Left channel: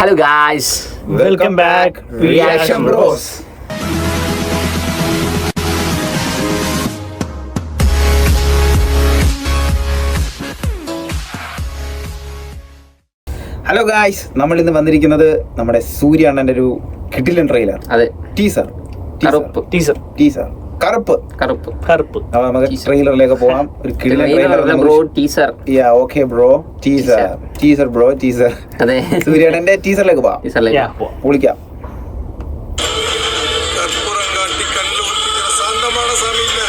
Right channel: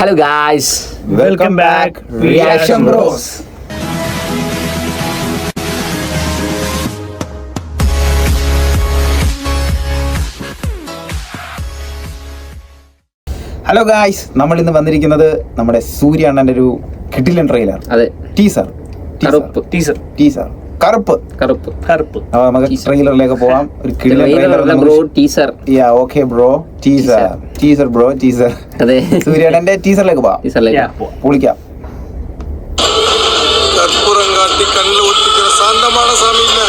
Hello guys, welcome back Reaction Bros. Hello guys, നമ്മൾ ഇന്ന് വന്നിരിക്കുന്നത് നമ്മുടെ സൂര്യ അണ്ണന്റെ ഒരു കിടിലൻ ട്രെയിലർ. അതെ, ടീസർ കറുപ്പ്. അപ്പോൾ നമുക്ക് ട്രെയിലറിലേക്ക് പോവാം. ഒരു കിടിലൻ ടീസർ. യാ ഓക്കേ ബ്രോ, ടീസർ. അതെ, സൂര്യ അണ്ണന്റെ ടീസറിലേക്ക് പോവാം. പൊളിക്കാം. சாந்தமான சாமி இல்ல,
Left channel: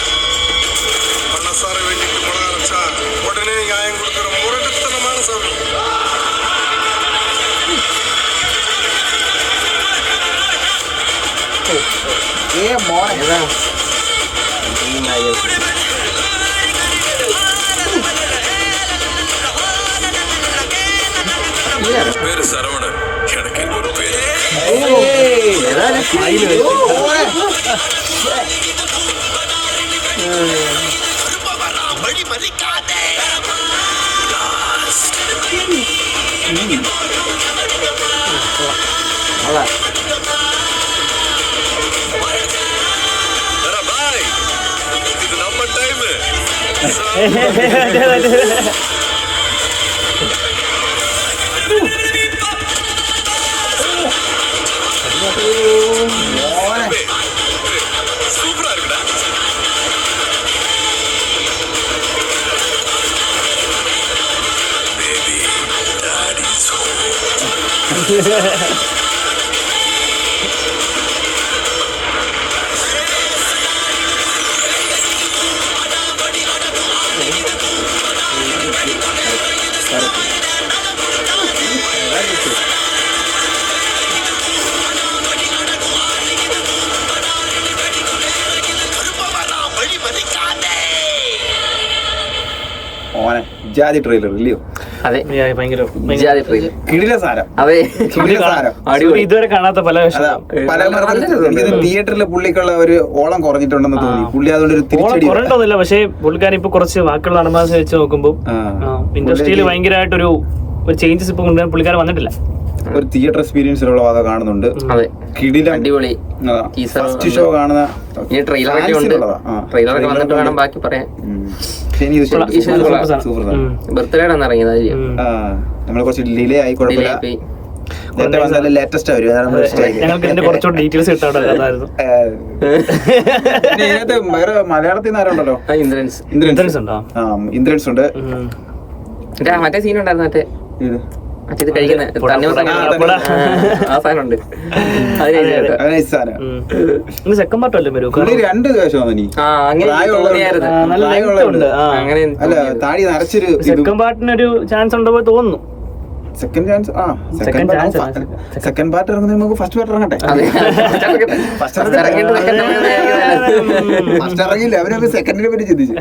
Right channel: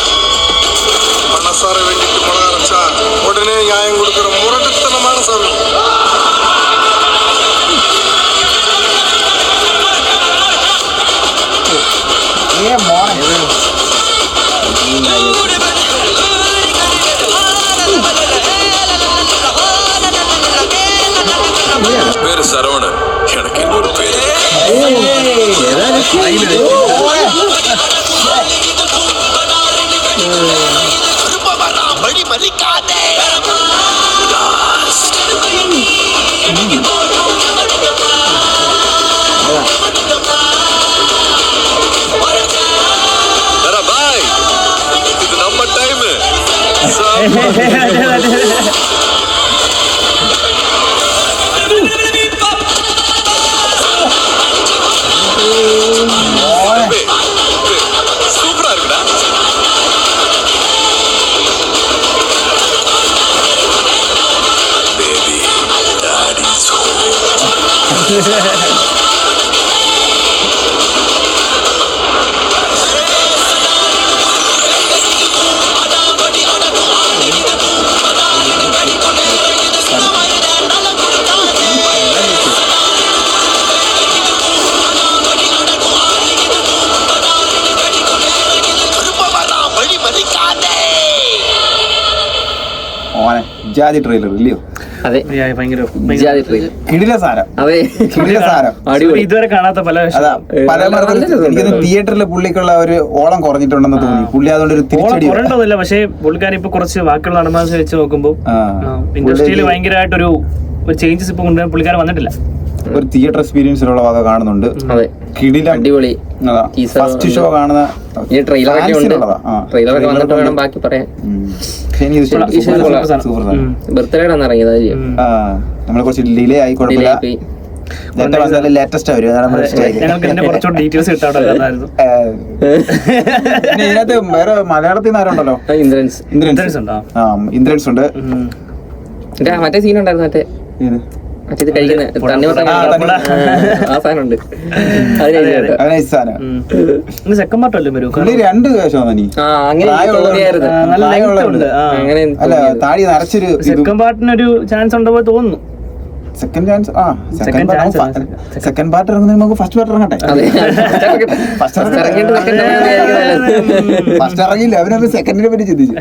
மனசார வேண்டிட்டு மழை அரைச்சா உடனே நியாயம் கொடுக்கிற முரட்டுத்தனமான சாமி. பேரு சரவணன், எனக்கு இன்னொரு பேரு. இது நம்ம டைம். சூப்பரா இருக்குடா. Baby toadies home. ജാതി ട്രെയിലർ ഇല്ലയോ? അതെ, ജാതി ട്രെയിലർ. കിടില സാരം. അതെ, ഇതുവരെ കാണാത്ത പല തിയേറ്ററിൽ പുള്ളിക്കുള്ള ഒരു ഓളം കുറഞ്ഞിട്ടുണ്ടെന്ന് തോന്നി. പുള്ളി അതുകൊണ്ട് ഒരു കുറഞ്ഞിട്ടൊന്നുമില്ല, പക്ഷേ പുള്ളിക്കാരൻ ഇപ്പൊ കുറച്ച് ബാക്കിയുള്ള നടന്മാരെ വെച്ച് നോക്കുമ്പോൾ ഇൻഡസ്ട്രിയിൽ ഭയങ്കരമായിട്ടൊരു ചേഞ്ചസ് ഇപ്പൊ കൊണ്ടുവരാൻ പുള്ളിക്കാരൻ വന്നിട്ടില്ല. ഒരു തിയേറ്റർ എക്സ്പീരിയൻസിലുള്ള വക കാണുന്നുണ്ട്. കിടിലൻ, അടിപൊളി. ഫസ്റ്റ് ഷോ കാണുന്ന ട്രെയിലറൊക്കെ വന്നിട്ട് വേണം ബാക്കി പറയാൻ. ബർത്ത്ഡേ ആണ് ഇറങ്ങിയത്. നമ്മള് കുറച്ച് ഡിലേ ആയി, കുഴപ്പമില്ല. ലേറ്റസ്റ്റ് ഇതിനകത്ത് വേറെ മലയാളത്തിൽ നിന്ന് ആരുണ്ടല്ലോ? ഇന്ദ്രൻസ് ഉണ്ട്. മറ്റേ സീൻ ഉണ്ടായിരുന്നു, മറ്റേ സെക്കൻഡ് പാർട്ട് അല്ലേ വരൂ? രണ്ട് താടി നരച്ചൊരു സെക്കൻഡ് പാർട്ടിനൊരു ചാൻസ് ഉണ്ടോ തോന്നുന്നു. സെക്കൻഡ് പാർട്ട് ഇറങ്ങുന്ന നമുക്ക് ഫസ്റ്റ് പാർട്ട് ഇറങ്ങട്ടെ. ഫസ്റ്റ് ഇറങ്ങില്ല, അവനത് സെക്കൻഡിനെ പറ്റി ചിന്തിച്ചു.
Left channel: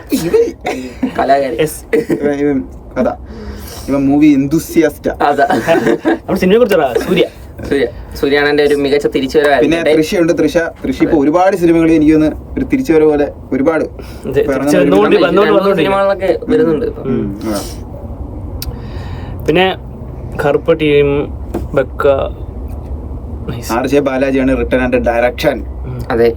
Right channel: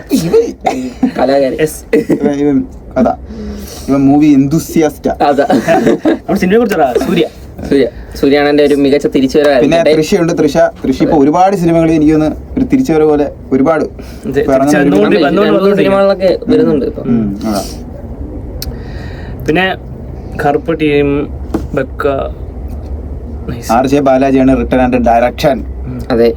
അതാ മൂവി എന്തൂസിയാസ്റ്റ്. സിനിമയെ കുറിച്ച് സൂര്യാണന്റെ ഒരു മികച്ച തിരിച്ചുവരവ്. പിന്നെ തൃശയുണ്ട്. തൃശ ഇപ്പൊ ഒരുപാട് സിനിമകളിൽ എനിക്ക് തോന്നുന്നു ഒരു തിരിച്ചുവരവ് പോലെ ഒരുപാട് സിനിമകളിലൊക്കെ വരുന്നുണ്ട്. പിന്നെ കറുപ്പ് ടീം ആർ.ജെ. ബാലാജിയാണ് റിട്ടേൺ ആൻഡ് ഡയറക്ഷൻ. അതെ.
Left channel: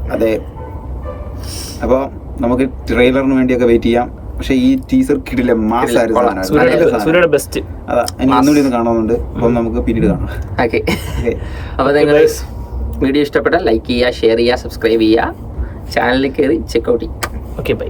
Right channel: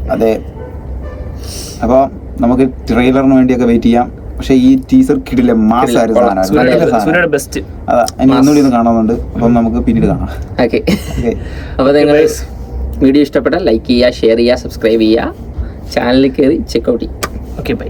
അപ്പൊ നമുക്ക് ട്രെയിലറിന് വേണ്ടിയൊക്കെ വെയിറ്റ് ചെയ്യാം. പക്ഷെ ഈ ടീസർ കിടില മാസായിരുന്നു. അതാ, എനിക്ക് ഒന്നുകൂടി ഒന്ന് കാണുന്നുണ്ട്. അപ്പം നമുക്ക് പിന്നീട് കാണാം. അപ്പൊ നിങ്ങൾ വീഡിയോ ഇഷ്ടപ്പെട്ടാൽ ലൈക്ക് ചെയ്യുക, ഷെയർ ചെയ്യുക, സബ്സ്ക്രൈബ് ചെയ്യുക, ചാനലിൽ കയറി ചെക്കൗട്ട് ചെയ്യുക. Okay, by.